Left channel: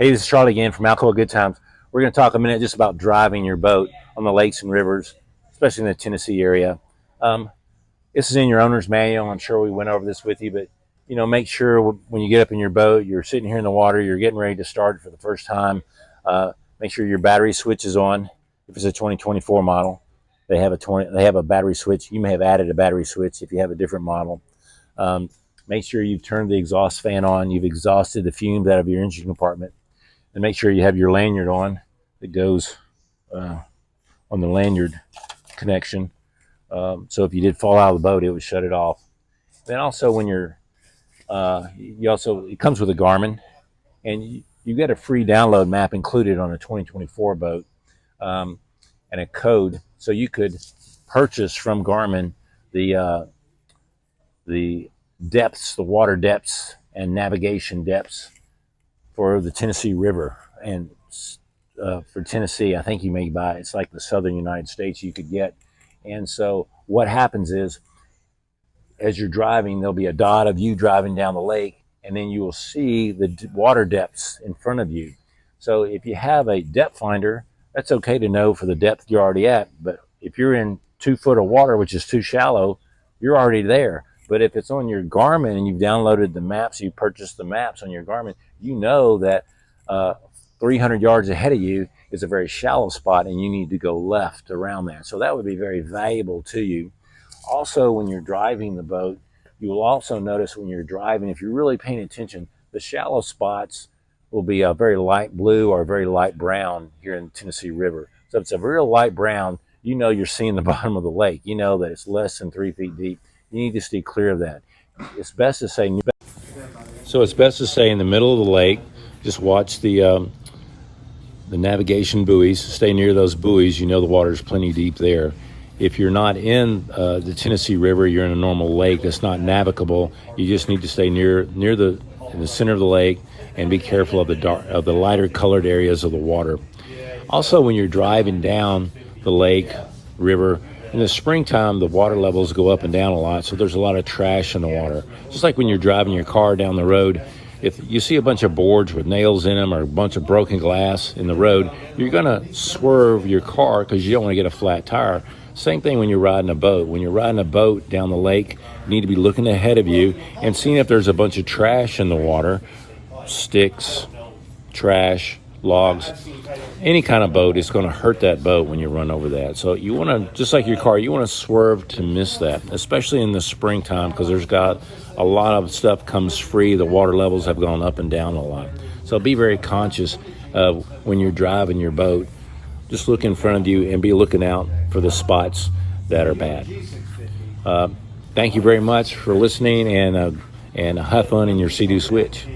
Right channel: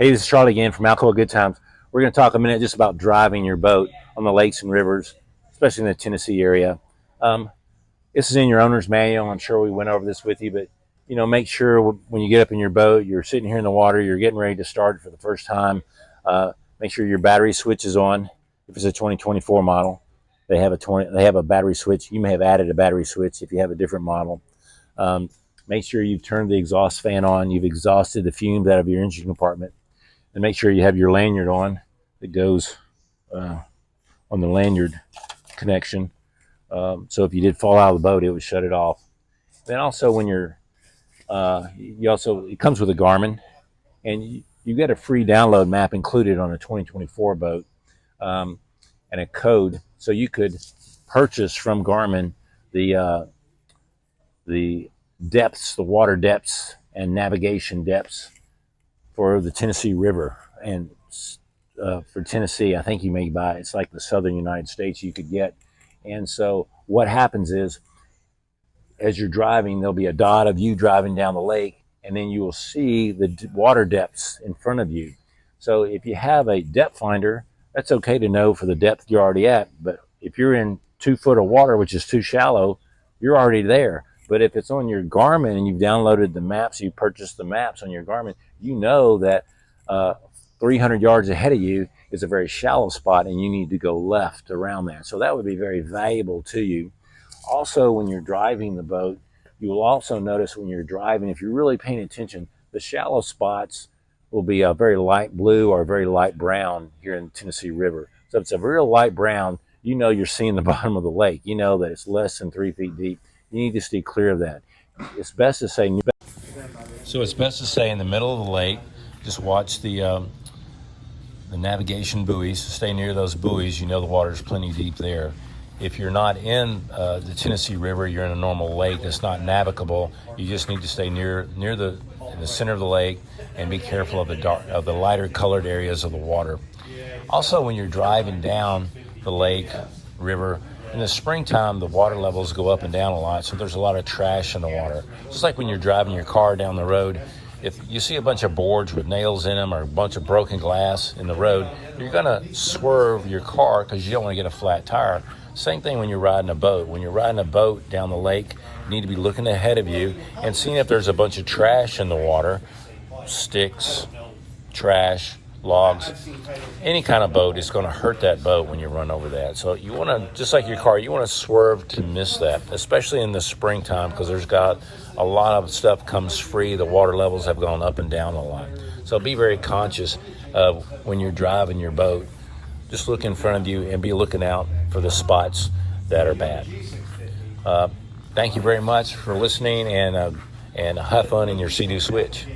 Hey, this is Charlie again from Alcoa Good Times. We're going to talk a minute just about driving your boat on the lakes and rivers, especially in the Tennessee area. Um, this is in your owner's manual. I'm sure we went over this with you, but make sure when you get up in your boat, you're sitting here in the water, you're getting ready to start for the first time. Make sure your battery switch is on. If it's a 2024 model, they have a battery switch. You may have added a battery switch if you have a different model. Make sure you've turned the exhaust fan on. You've exhausted the fumes out of your engine compartment. And make sure you have your lanyard on that goes on the lanyard connection. So if you did fall out of the boat, it would shut it off. Then also when it comes with a Garmin, and you get a free download map included on a 2024 boat, and a code, so you could purchase from Garmin the depths, the water depths and navigation depths for the Tennessee River. And for Tennessee, I think you may buy, it's like the southern United States you could get. And so what happens is, as you're driving, there'll be a dot of you driving down the lake, and then you will see the water depths in front of you. So if you have a depth finder, that's okay to know for the depth you're already at. But if you're in 2 foot of water, which is too shallow, you're already there. But if it's on your Garmin and you've downloaded the maps, you purchased the maps on your Garmin, you know that 300 yards ahead of you is a very shallow spot and you need to go left around that. So that would be very valuable to you. Also, when you're driving the boat, you will also notice when you're driving, if you're really paying attention, the shallow spots will be a very light blue or very light brown here in the Tennessee River. So if it's a real light brown, you know you're seeing the bottom of the lake. You know that it's less than 3 feet deep. You need to stay clear of that. It's best to stay in the middle of the lake. Just watch the navigation buoys. Stay near those buoys. You know the water's plenty deep there. If you're not in the Tennessee River, you're in a normal lake that's not navigable. You just need to stay near the center of the lake and be careful of the lighter colored areas of the water. Also, when you're driving down the lake, river, in the springtime, the water levels go up and down a lot, so there's a lot of trash in the water. Just like when you're driving your car down the road, if you see a bunch of boards with nails in them or a bunch of broken glass in the road, you're going to swerve your car because you don't want to get a flat tire. Same thing when you're riding a boat. When you're riding a boat down the lake, you need to be looking ahead of you and seeing if there's a bunch of trash in the water, sticks, trash, logs. Any kind of boat is going to hurt that boat when you run over that. So you want to, just like your car, you want to swerve to miss that, especially in the springtime, because there's got a lot of stuff comes free. The water levels have gone up and down a lot. So be very conscious when you're driving your boat. Just look in front of you and be looking out for the spots that are bad. Thank you very much for listening, and have fun in your Sea-Doo switch.